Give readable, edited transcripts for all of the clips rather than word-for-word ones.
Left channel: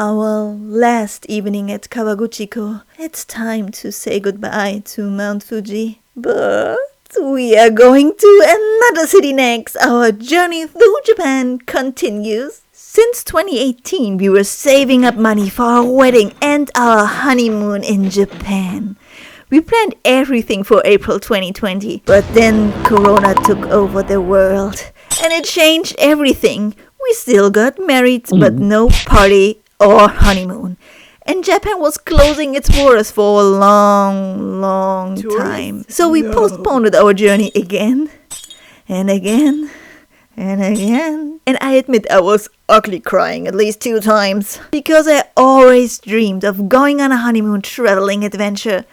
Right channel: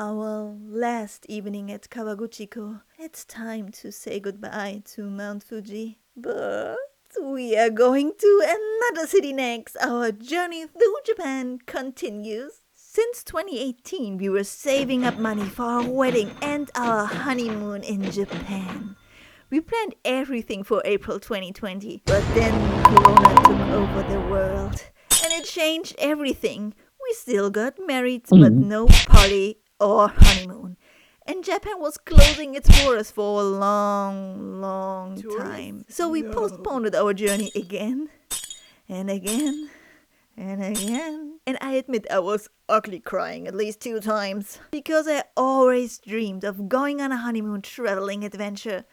our last evening at Kawaguchiko. It's time to say goodbye to Mount Fuji. But we are going to another city next. Our journey through Japan continues. Since 2018, we were saving up money for our wedding and our honeymoon in Japan. We planned everything for April 2020, but then Corona took over the world and it changed everything. We still got married, but no party or honeymoon. And Japan was closing its borders for a long time. So we postponed our journey again and again and again. And I admit I was ugly crying at least 2 times. Because I always dreamed of going on a honeymoon traveling adventure.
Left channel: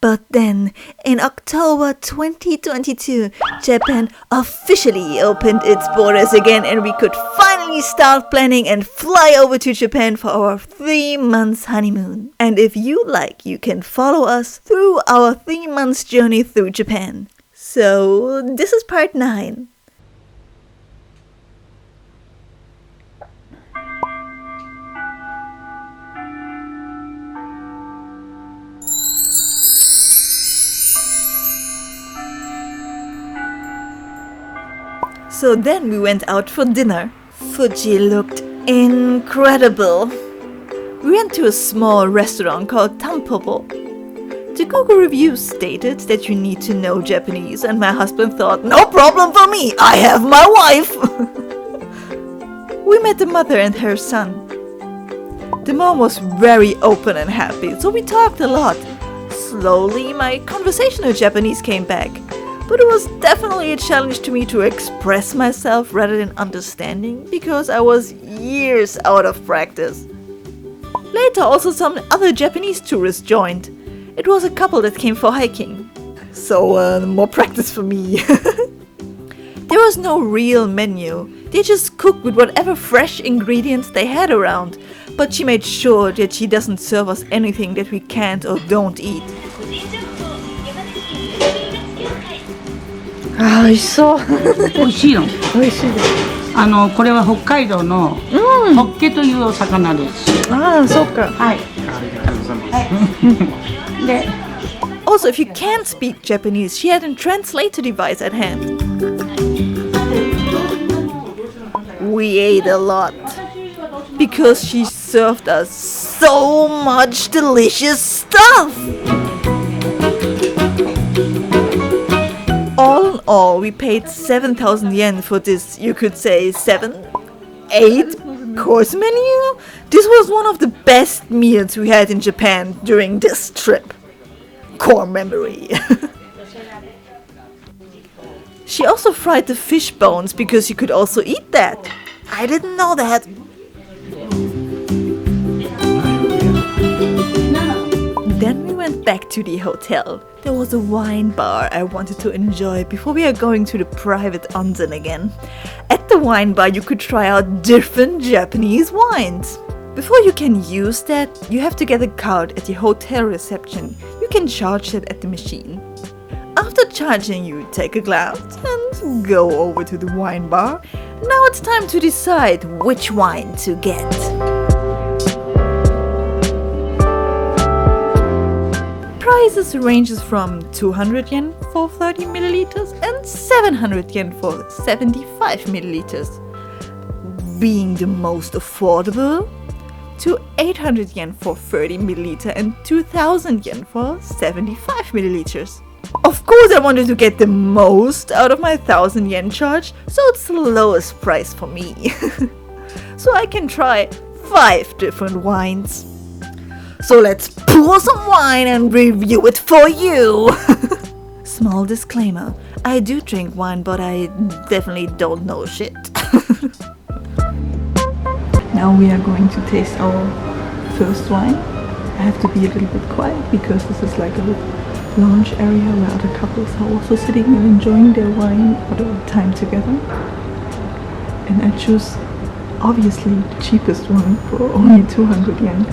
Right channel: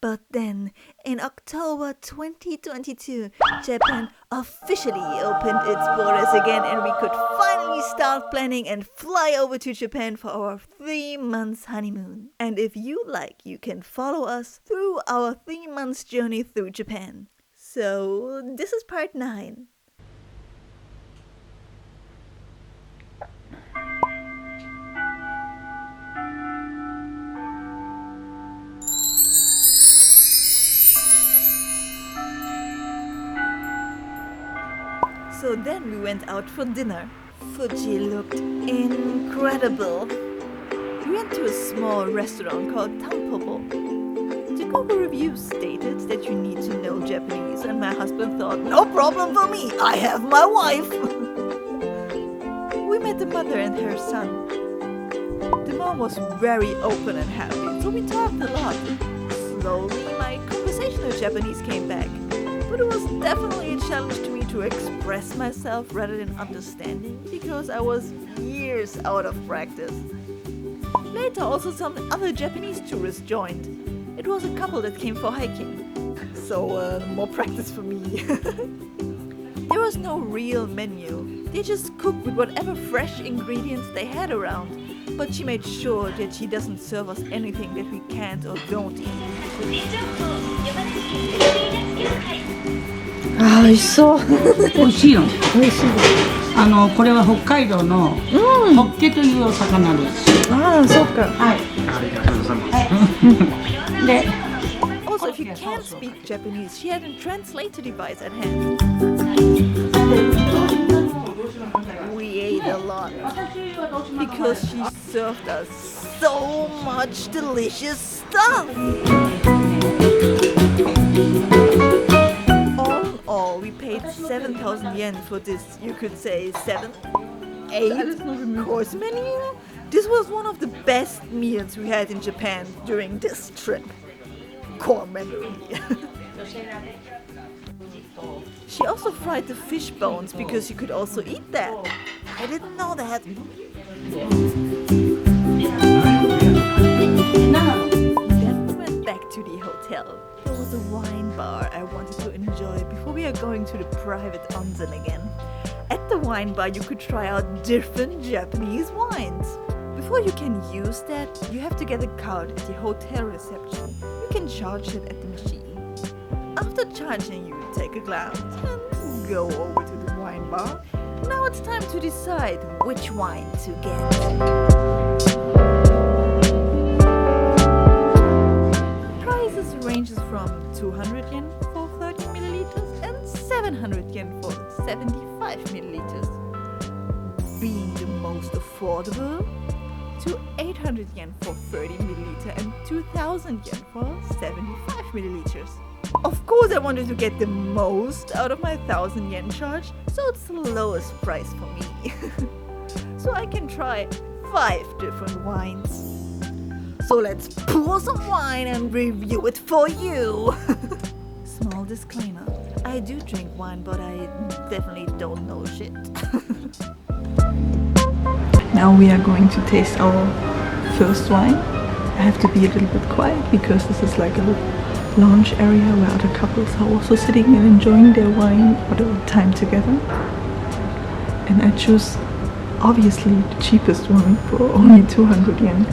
But then, in October 2022, Japan officially opened its borders again and we could finally start planning and fly over to Japan for our 3 months honeymoon. And if you like, you can follow us through our 3 months journey through Japan. So, this is part 9. So then we went out for dinner. Fuji looked incredible. We went to a small restaurant called Tanpopo. The Google reviews stated that you need to know Japanese, and my husband thought, no problem for me, I have my wife. We met the mother and her son. The mom was very open and happy, so we talked a lot. Slowly, my conversational Japanese came back. But it was definitely a challenge to me to express myself rather than understanding, because I was years out of practice. Later also some other Japanese tourists joined. It was a couple that came for hiking. So more practice for me. There was no real menu. They just cooked with whatever fresh ingredients they had around. But she made sure that she doesn't serve us anything that we can't or don't eat. あー、美味しそう。美味しいの。美味しいです。これは北海道のホッケというお魚です。ああ、そうか。はい。で、Also, if you can't speak Japanese, she had a translator device at hand. We ate a lot because she served us so much delicious stuff. All, we paid 7,000 yen for this, you could say 7, 8 course menu. This was one of the best meals we had in Japan during this trip. Core memory. She also fried the fish bones because you could also eat that. I didn't know that. Then we went back to the hotel. There was a wine bar I wanted to enjoy before we are going to the private onsen again. At the wine bar you could try out different Japanese wines. Before you can use that, you have to get a card at the hotel reception. You can charge it at the machine. After charging, you take a glass and go over to the wine bar. Now it's time to decide which wine to get. Prices ranges from 200 yen for 30 milliliters and 700 yen for 75 milliliters. Being the most affordable, to 800 yen for 30 milliliters and 2000 yen for 75 milliliters. Of course I wanted to get the most out of my 1000 yen charge, so it's the lowest price for me. So I can try 5 different wines. So let's pour some wine and review it for you. Small disclaimer, I do drink wine, but I definitely don't know shit. Now we are going to taste our first wine. I have to be a little bit quiet because this is like a lounge area where other couples are also sitting and enjoying their wine or their time together. And I choose obviously the cheapest one for only 200 yen.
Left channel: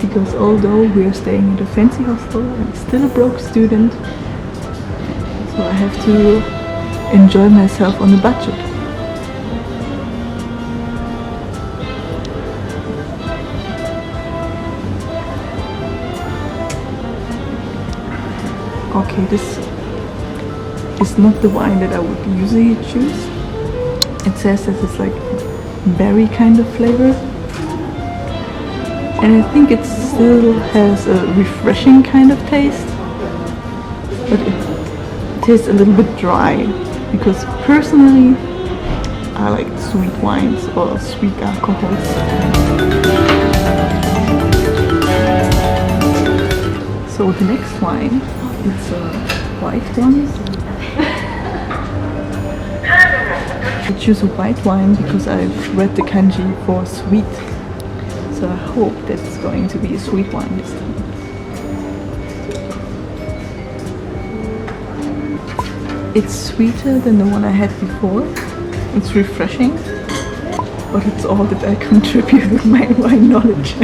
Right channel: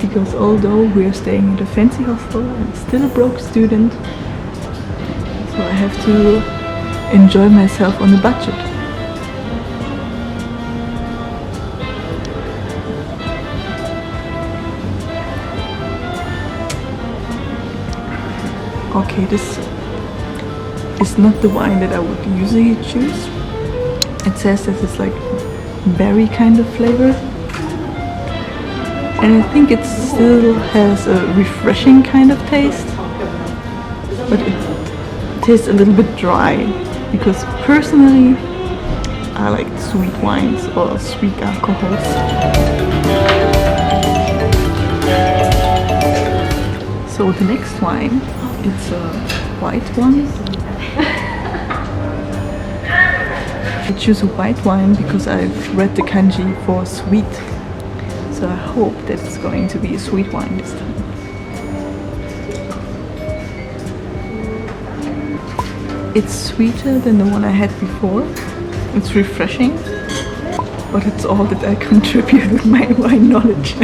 Because although we're staying at a fancy hostel, I'm still a broke student, so I have to enjoy myself on a budget. Okay, this is not the wine that I would usually choose. It says that it's like berry kind of flavor. And I think it still has a refreshing kind of taste. But it tastes a little bit dry. Because personally, I like sweet wines or sweet alcohols. So the next wine, it's a white one. I choose a white wine because I've read the kanji for sweet. So I hope that it's going to be a sweet wine this time. It's sweeter than the one I had before. It's refreshing, but it's all that I contribute with my wine knowledge.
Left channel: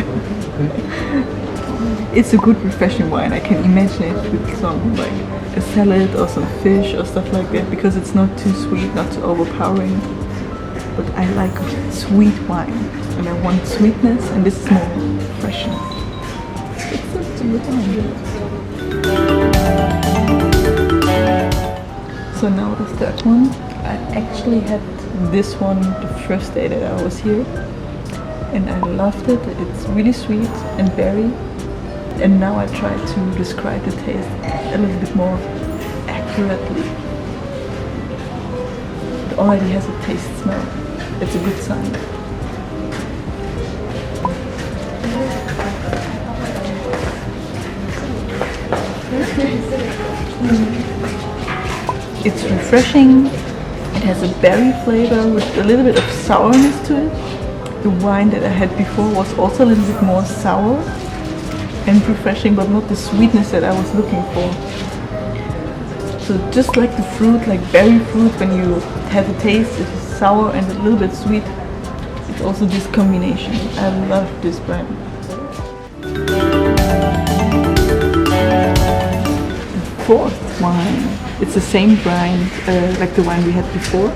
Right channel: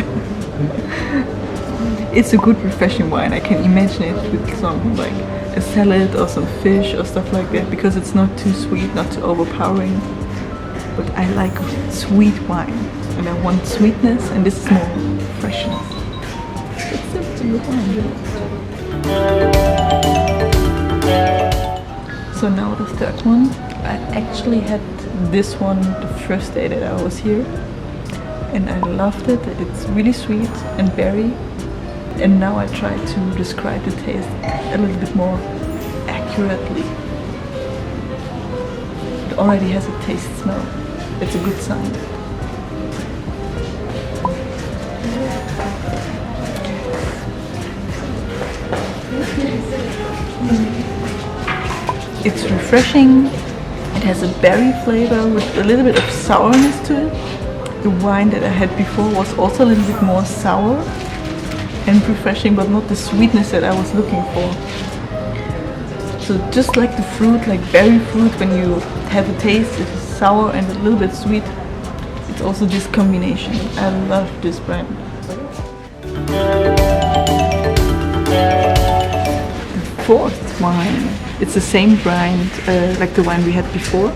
It's a good refreshing wine. I can imagine it with some like a salad or some fish or stuff like that, because it's not too sweet, not too overpowering. But I like sweet wine, and I want sweetness, and this is more freshness. It's a good wine. So now the third one. I actually had this one the first day that I was here, and I loved it. It's really sweet and berry. And now I try to describe the taste a little bit more accurately. It already has a taste smell. It's a good sign. It's refreshing. It has a berry flavor with a little bit of sourness to it. The wine that I had before was also a little bit more sour and refreshing, but not the sweetness that I was looking for. So just like the fruit, like berry fruit, when you have a taste, it is sour and a little bit sweet. It's also this combination. I love this brand. The fourth wine, it's the same brand like the wine we had before.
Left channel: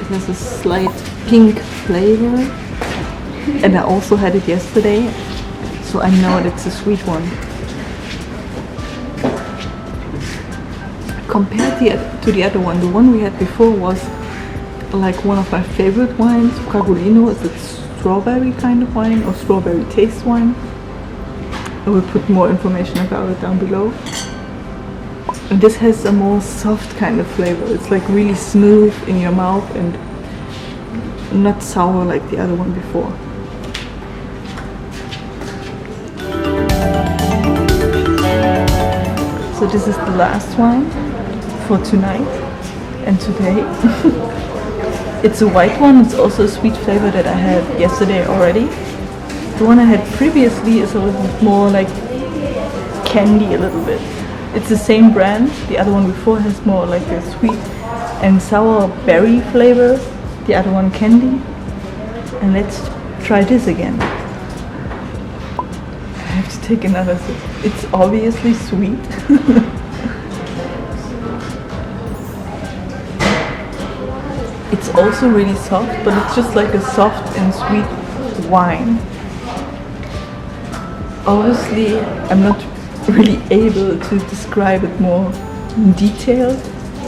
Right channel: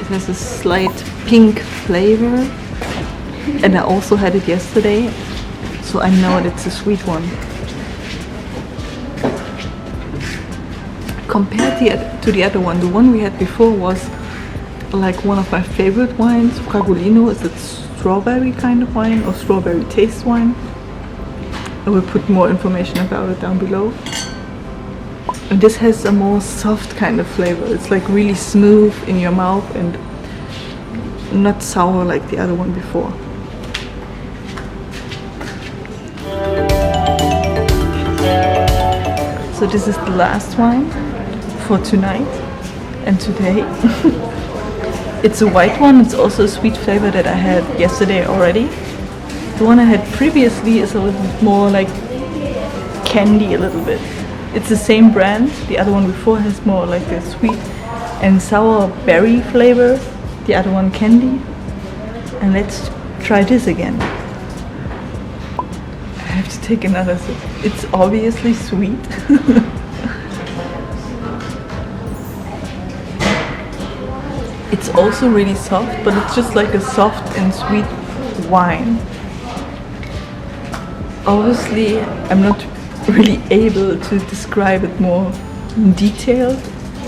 It has a slight pink flavor, and I also had it yesterday. So I know that it's a sweet one. Compared to the other one, the one we had before was like one of my favorite wines. Fragolino is a strawberry kind of wine, or strawberry taste wine. I will put more information about it down below. And this has a more soft kind of flavor. It's like really smooth in your mouth and not sour like the other one before. So this is the last wine for tonight and today. It's a white one. It's also a sweet flavor that I had yesterday already. The one I had previously is a little bit more like candy a little bit. It's the same brand. The other one before has more like a sweet and sour berry flavor. The other one candy. And let's try this again. I have to take another sip. It's obviously sweet. It's also really soft, but it's just like a soft and sweet wine. Obviously, I'm not really able to describe it more in detail.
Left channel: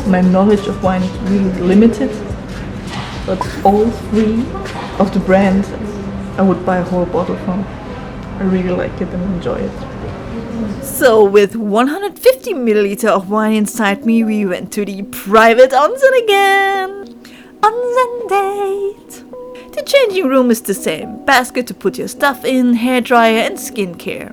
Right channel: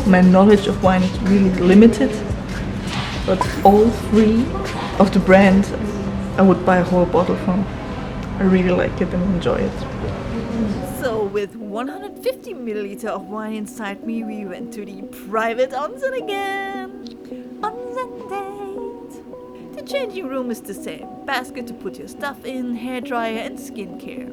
My knowledge of wine is really limited. But all three of the brands I would buy a whole bottle from. I really like it and enjoy it. So with 150 milliliter of wine inside me, we went to the private onsen again. Onsen date. The changing room is the same. Basket to put your stuff in, hairdryer and skincare.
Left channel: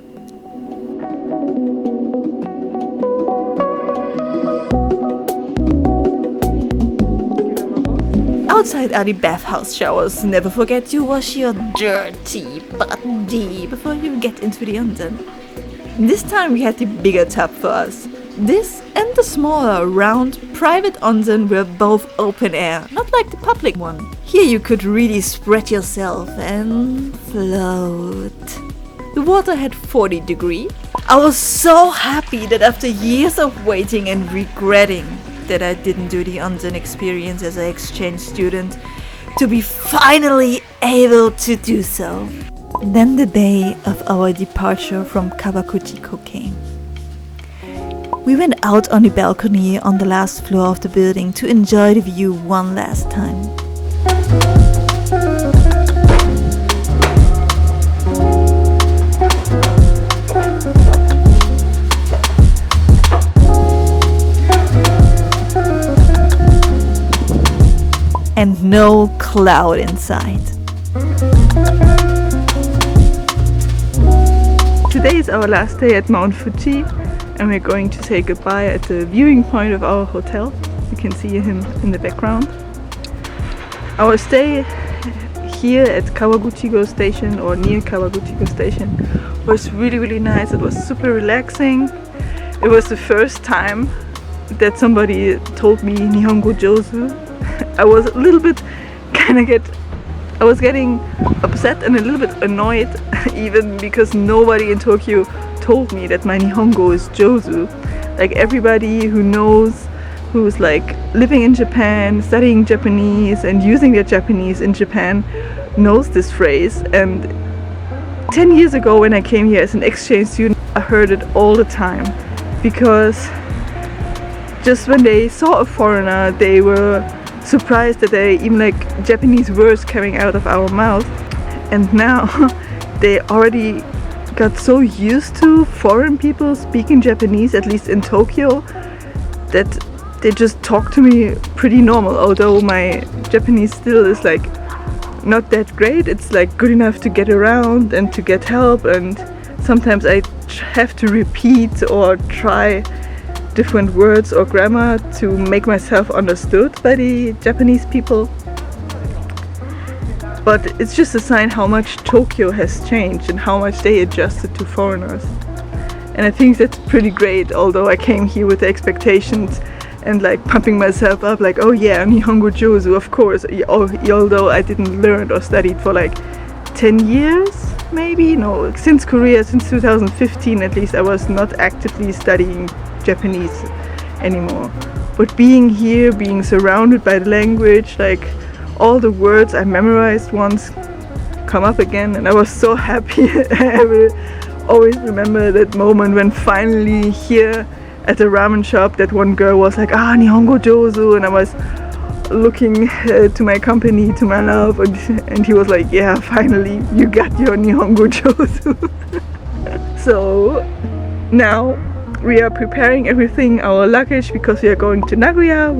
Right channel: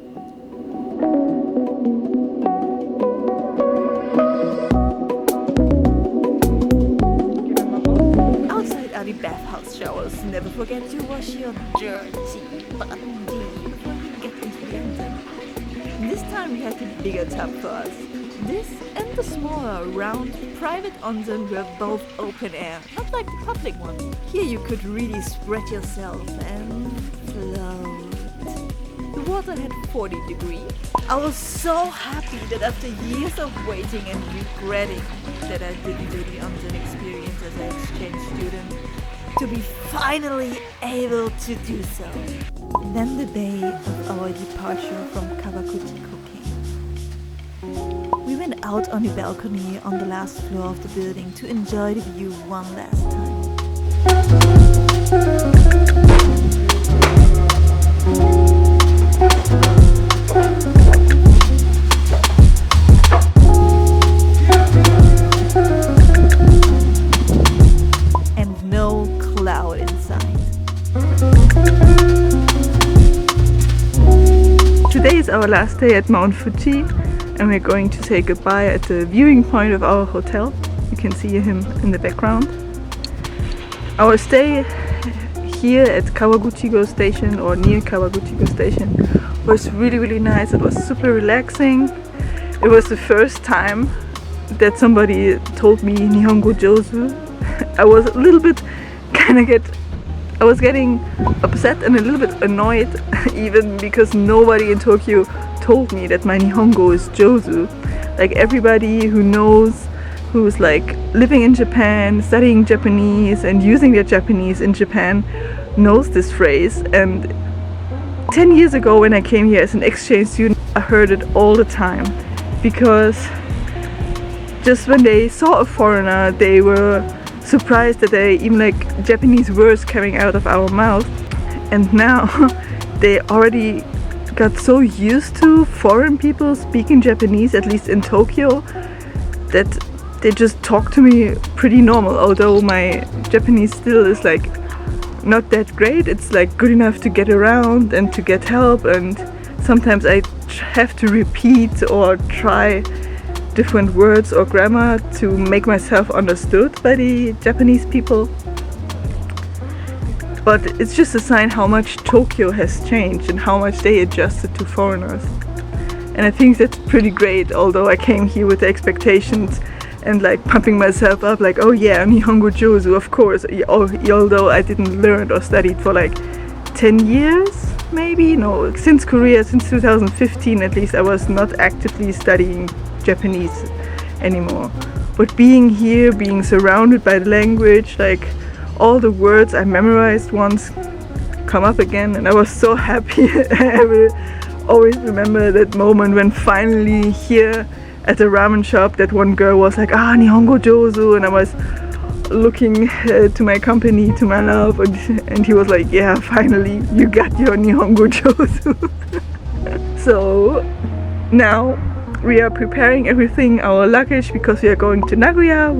Outside are the bathhouse showers. Never forget to wash your dirty body before you get into the onsen. This time we had the bigger tub for us. This and the smaller, round, private onsen were both open air, not like the public one. Here you could really spread yourself and float. The water had 40 degrees. I was so happy that after years of waiting and regretting that I didn't do the onsen experience as an exchange student, to be finally able to do so. Then the day of our departure from Kawaguchiko came. We went out on the balcony on the last floor of the building to enjoy the view one last time. And no cloud in sight. Today is our last day at Mount Fuji, and we're going to say goodbye at the viewing point of our hotel. You can see him in the background. Our stay here at Kawaguchiko station, or near Kawaguchiko station, was really nice. It was super relaxing. It was the first time that somebody told me Nihongo Jozu. I was a little bit I was getting upset and a little bit annoyed even because nobody in Tokyo told me that my Nihongo is Jozu. Like everybody who knows, who's like living in Japan, studying Japanese and using their Japanese in Japan knows this phrase. And 10 years ago when I came here as an exchange student, I heard it all the time because just when they saw a foreigner, they were surprised that they even like Japanese words coming out of our mouth. And now they already got so used to foreign people speaking Japanese, at least in Tokyo, that they just talk to me pretty normal, although my Japanese still is like not that great. It's like good enough to get around and to get help, and sometimes I have to repeat or try different words or grammar to make myself understood by the Japanese people. But it's just a sign how much Tokyo has changed and how much they adjusted to foreigners. And I think that's pretty great, although I came here with the expectations and like pumping myself up like, oh yeah, Nihongo Jozu, of course, although I didn't learn or studied for like 10 years maybe? No, since Korea, since 2015 at least, I was not actively studying Japanese anymore. But being here, being surrounded by the language, like all the words I memorized once come up again, and I was so happy. I will always remember that moment when finally here at the ramen shop that one girl was like, Nihongo Jozu, and I was looking to my company, to my love, and he was like, yeah, finally you got your Nihongo Jozu. So now we are preparing everything, our luggage, because we are going to Nagoya.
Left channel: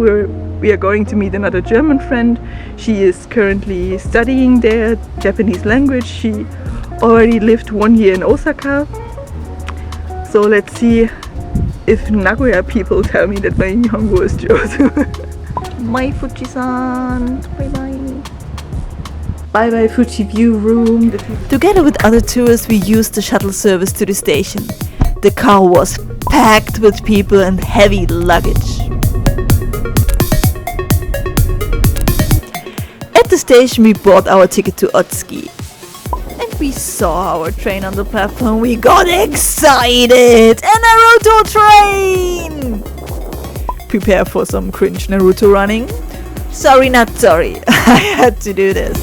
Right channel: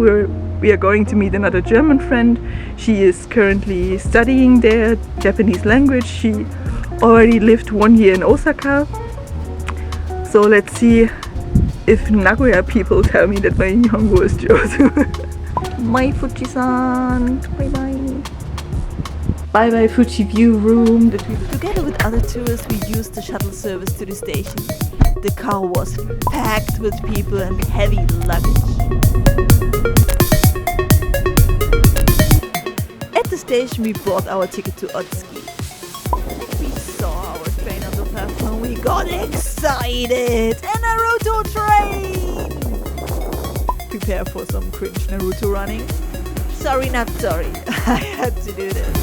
We are going to meet another German friend. She is currently studying there Japanese language. She already lived 1 year in Osaka. So let's see if Nagoya people tell me that my Nihongo is Jozu. Bye Fuji-san. Bye bye. Bye bye Fuji View Room. Together with other tourists, we used the shuttle service to the station. The car was packed with people and heavy luggage. At the station, we bought our ticket to Otsuki. And we saw our train on the platform. We got excited! A Naruto train! Prepare for some cringe Naruto running. Sorry, not sorry. I had to do this.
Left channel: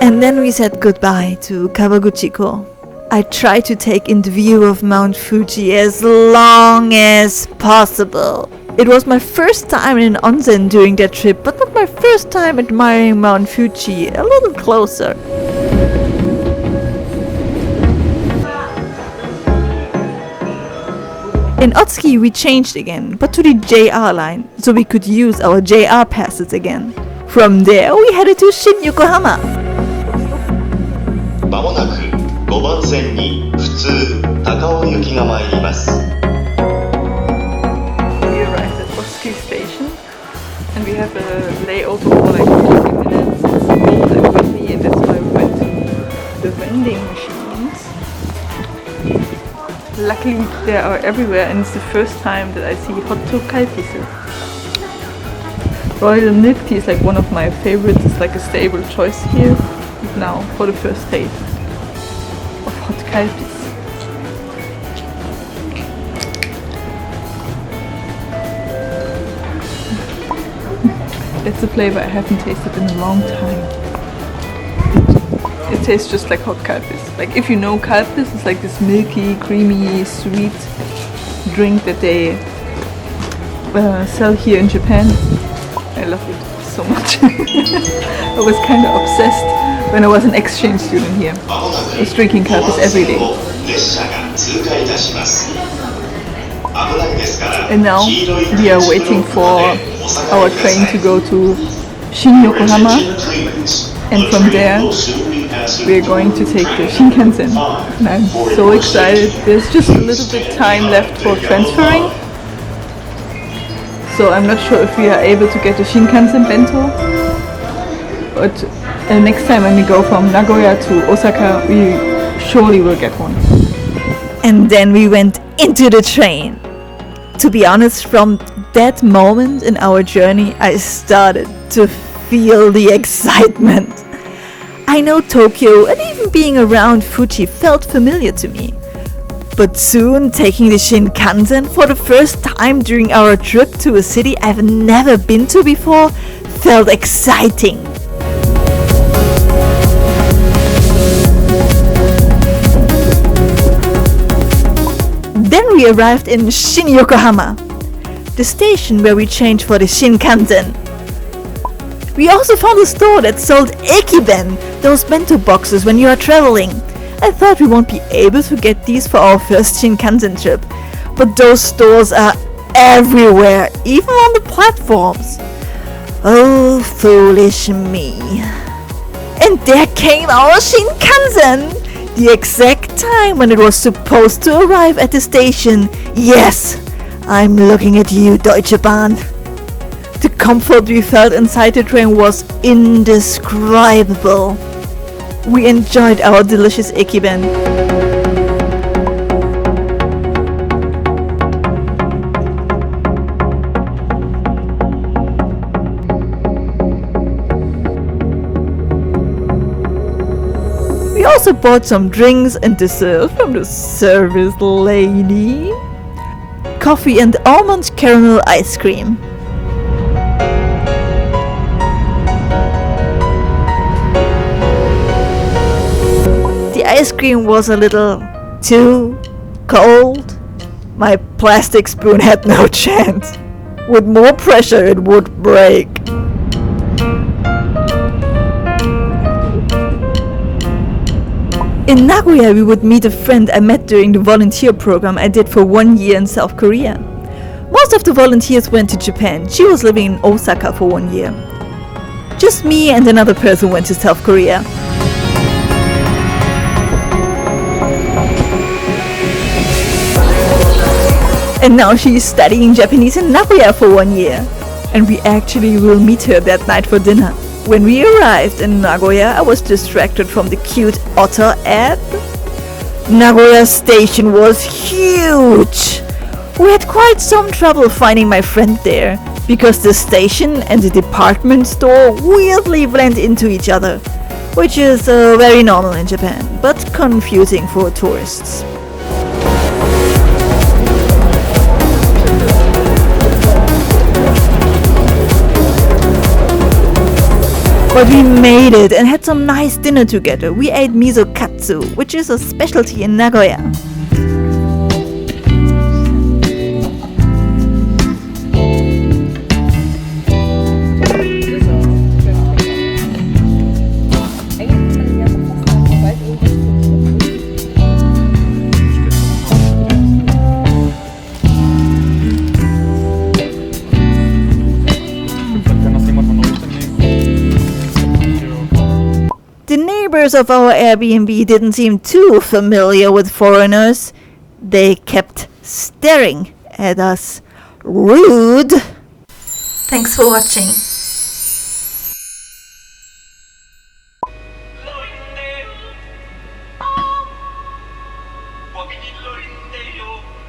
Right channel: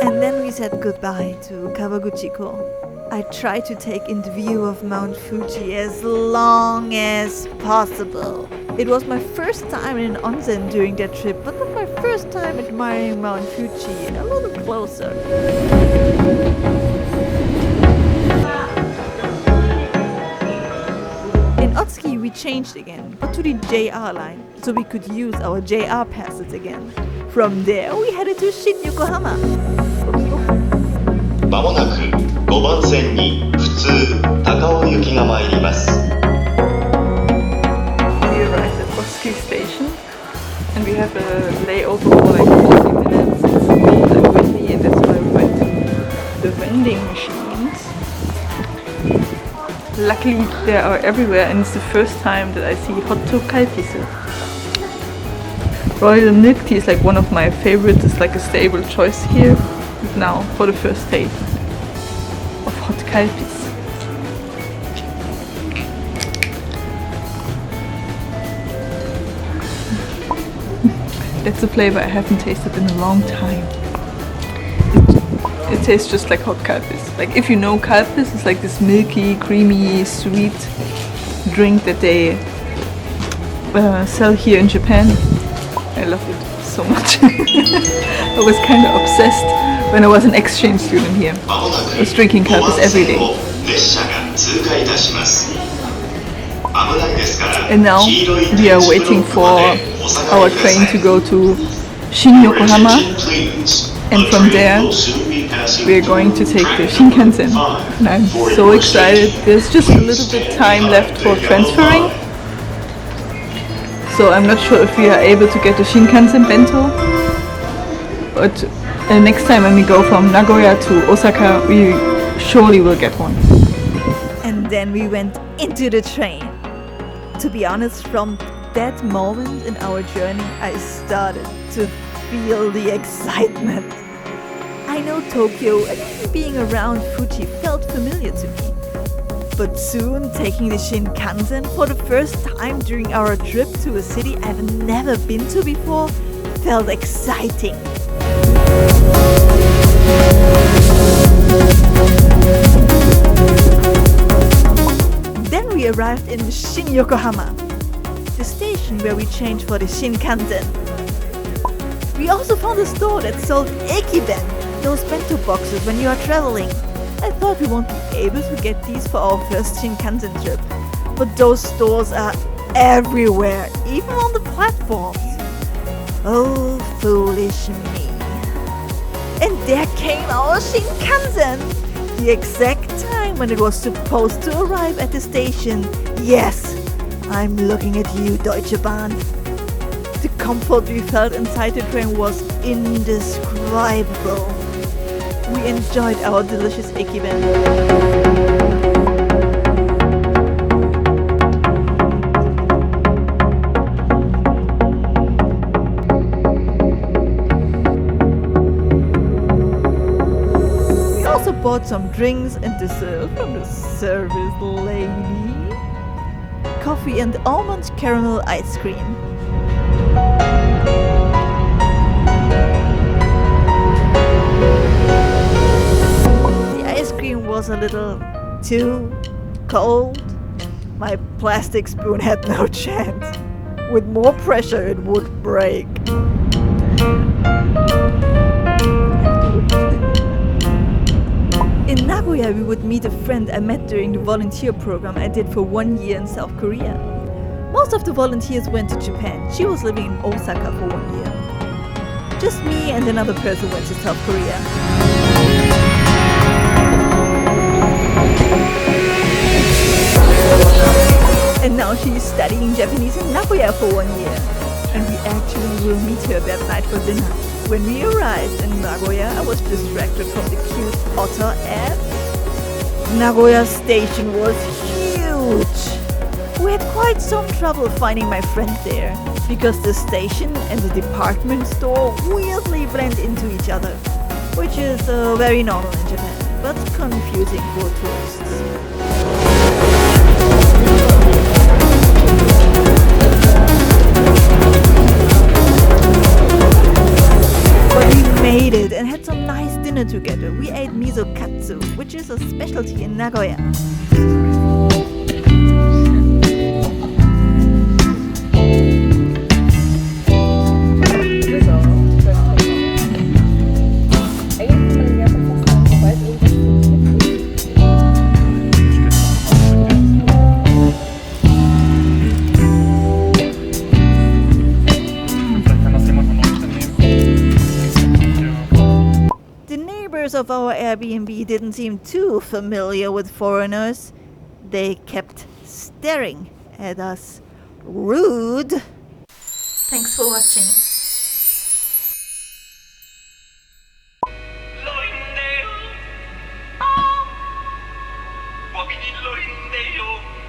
And then we said goodbye to Kawaguchiko. I tried to take in the view of Mount Fuji as long as possible. It was my first time in an onsen during that trip, but not my first time admiring Mount Fuji a little closer. In Otsuki we changed again, but to the JR line, so we could use our JR passes again. From there we headed to Shin-Yokohama. まもなく5番線に普通高尾行きが参ります。 We arrived at Otsuki station and we have a layover for like 50 minutes. It's cold and windy, and that's why we went to the vending machine. Luckily they are everywhere, and it's the first time that I see hot Calpis. Royal milk tea is like one of my favorites. It's like a stable choice here now for the first taste of hot Calpis. That's a flavor I haven't tasted in a long time. It tastes just like hot Calpis. Like if you know Calpis, it's like this milky, creamy, sweet drink that they sell here in Japan. I love it so much. I was kind of obsessed when I was an exchange student here. I was drinking Calpis every day. And now we are waiting for our train to go to Yokohama, and from there we are going to take the Shinkansen. And I'm so excited. There's just a little bit time left for transferring, so I'm not sure if we are able to get the Shinkansen bento, but next time when we go from Nagoya to Osaka, we surely will get one. And then we went into the train. To be honest, from that moment in our journey, I started to feel the excitement. I know Tokyo, and even being around Fuji felt familiar to me. But soon, taking the Shinkansen for the first time during our trip to a city I've never been to before felt exciting. Then we arrived in Yokohama, the station where we changed for the Shinkansen. We also found a store that sold ekiben, those bento boxes when you are traveling. I thought we won't be able to get these for our first Shinkansen trip, but those stores are everywhere, even on the platforms. Oh, foolish me. And there came our Shinkansen! The exact time when it was supposed to arrive at the station. Yes, I'm looking at you, Deutsche Bahn. The comfort we felt inside the train was indescribable. We enjoyed our delicious ekiben. We also bought some drinks and dessert from the service lady. Coffee and almond caramel ice cream. The ice cream was a little too cold. My plastic spoon had no chance. With more pressure it would break. In Nagoya, we would meet a friend I met during the volunteer program I did for 1 year in South Korea. Most of the volunteers went to Japan. She was living in Osaka for 1 year. Just me and another person went to South Korea. And now she is studying Japanese in Nagoya for 1 year. And we actually will meet her that night for dinner. When we arrived in Nagoya, I was distracted from the cute otter ad. Nagoya station was huge. We had quite some trouble finding my friend there, because the station and the department store weirdly blend into each other, which is very normal in Japan, but confusing for tourists. And had some nice dinner together. We ate miso katsu, which is a specialty in Nagoya. Of our Airbnb didn't seem too familiar with foreigners. They kept staring at us. Rude. Thanks for watching.